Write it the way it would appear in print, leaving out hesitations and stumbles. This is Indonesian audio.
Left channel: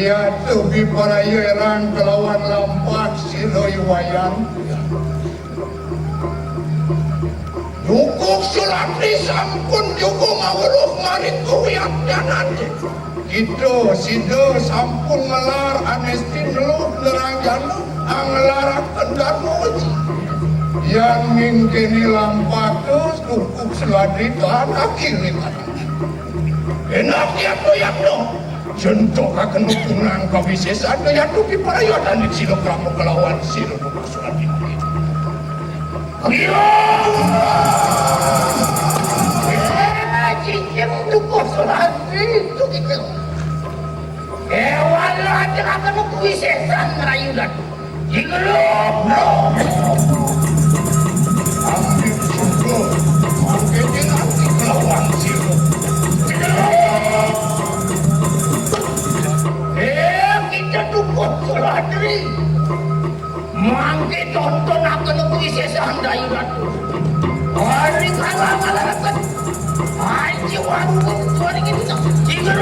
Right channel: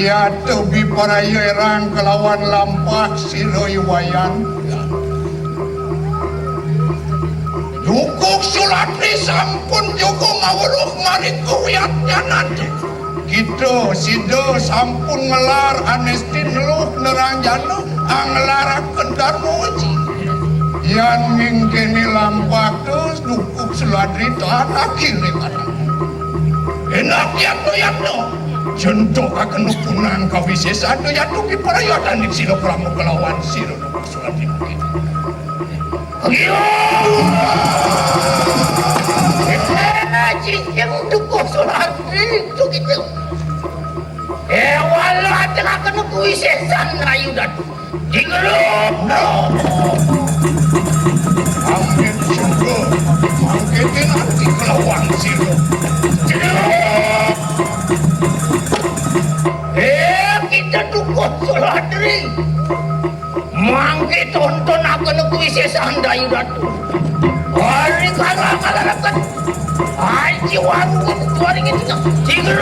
Ya tebi para yerang kelawan lampak siroi wayang. Dukuk Sulatri sampun juga ngawuruh marit kuwiat janate. Gitu sido sampun ngelar anestin lu nerangjana anglarak kendarmoji. Yang mingkini lampak terus dukuk Sulatri tahan akhir nih kata. Enak ya dong. Contoh akan hukuman kawises ada yang tuki perayaan di silo kamu kelawan silo. Iya. Cincin dukuk Sulatri itu gitu. Walah akan kawises sana ikan. Jingerup bro. Ambil contoh. Mungkin nanti kelawan silo. Sulatri mangke tonton akan kuises andai ratu hari kalah-kalahkan haji warung itu hari kita tinggal